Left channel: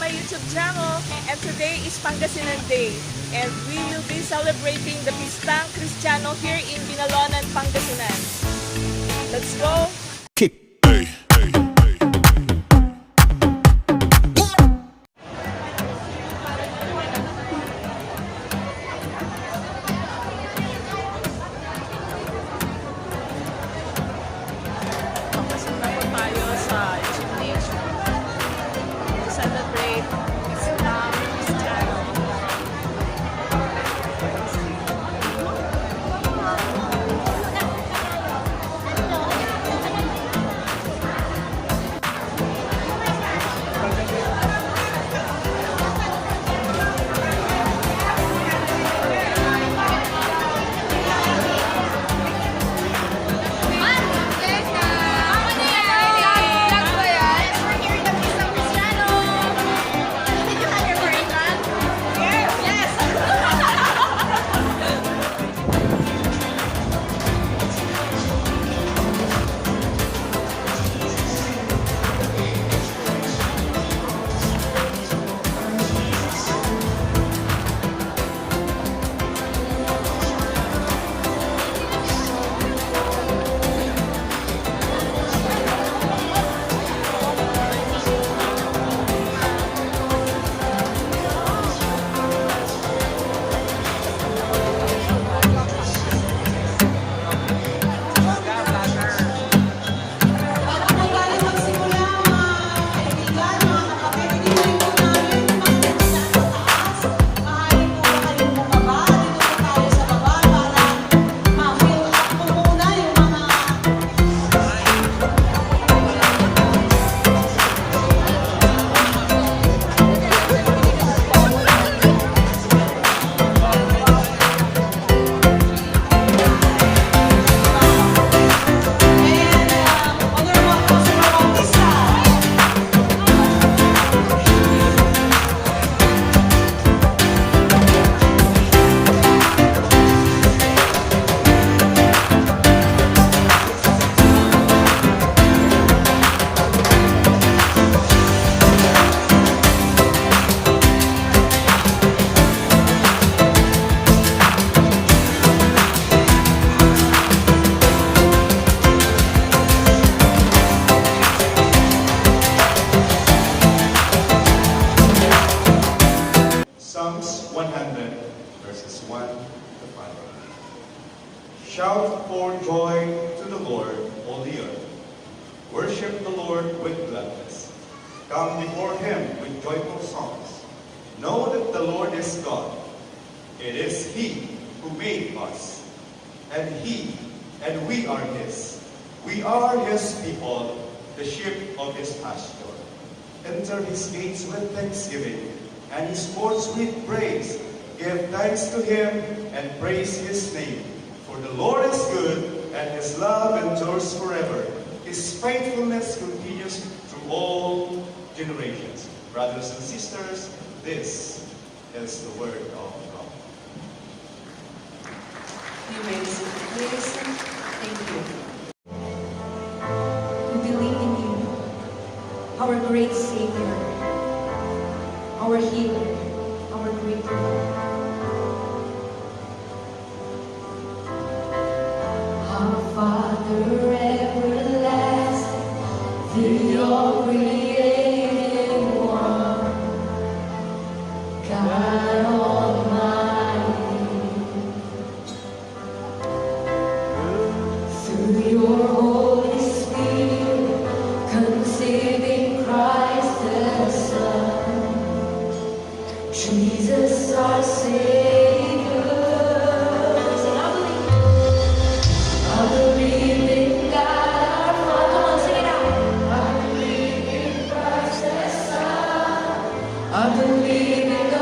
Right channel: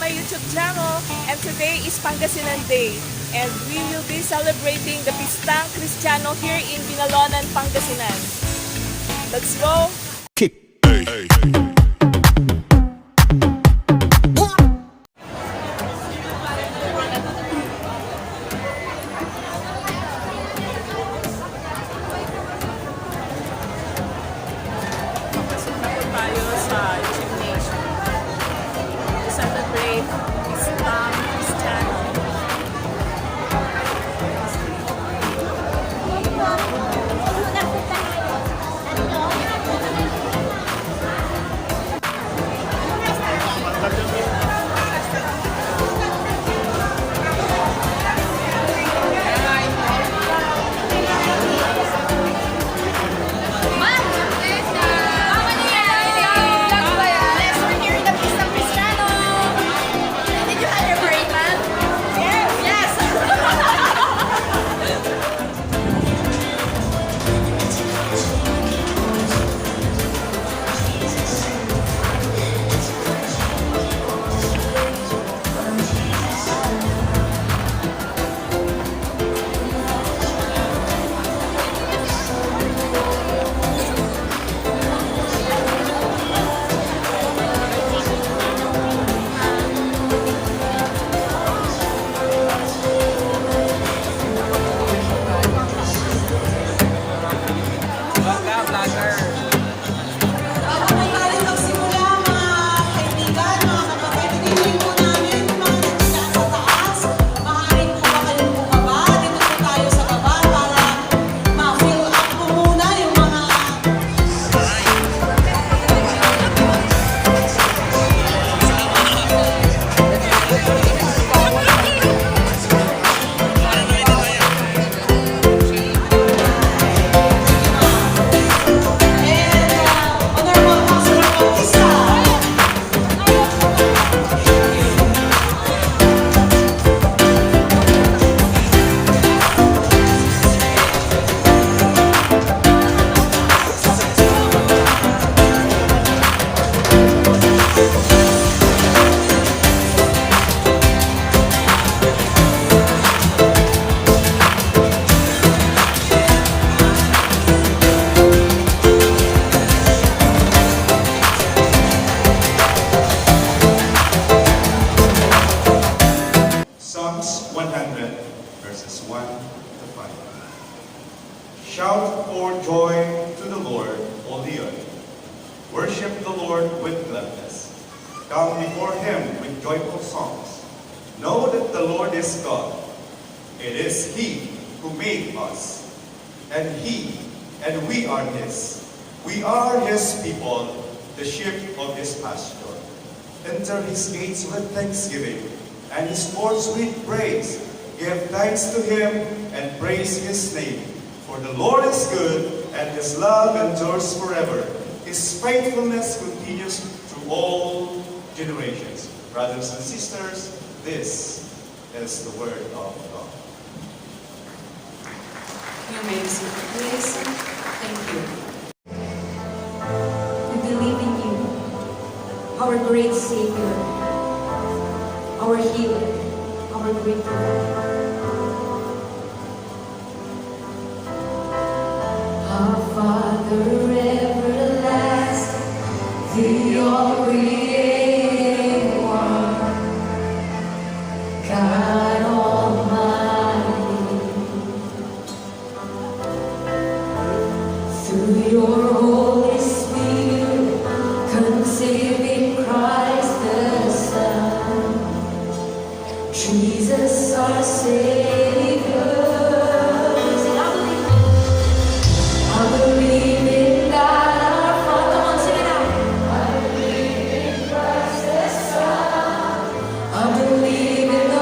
my YouTube channel, and today is Pangasinan Day, and we will be celebrating the Pistang Cristiano here in Binalonan, Pangasinan. Let's go! Verses 1 to 5. Shout for joy to the Lord, all the earth. Worship the Lord with gladness. Come before him with joyful songs. Know that the Lord is God. It is he who made us, and we are his. We are his people, the sheep of his pasture. Enter his gates with thanksgiving, and his courts with praise. Give thanks to him and praise his name. For the Lord is good, and his love endures forever. His faithfulness continues through all generations. Brothers and sisters, this is the word of God. You may be seated, please. Thank you. We believe in you, our great Savior, our healer, our great Lord. Our Father everlasting, the all-creating one, God Almighty, through your Holy Spirit, conceive in Christ the Son, Jesus our Savior. I believe in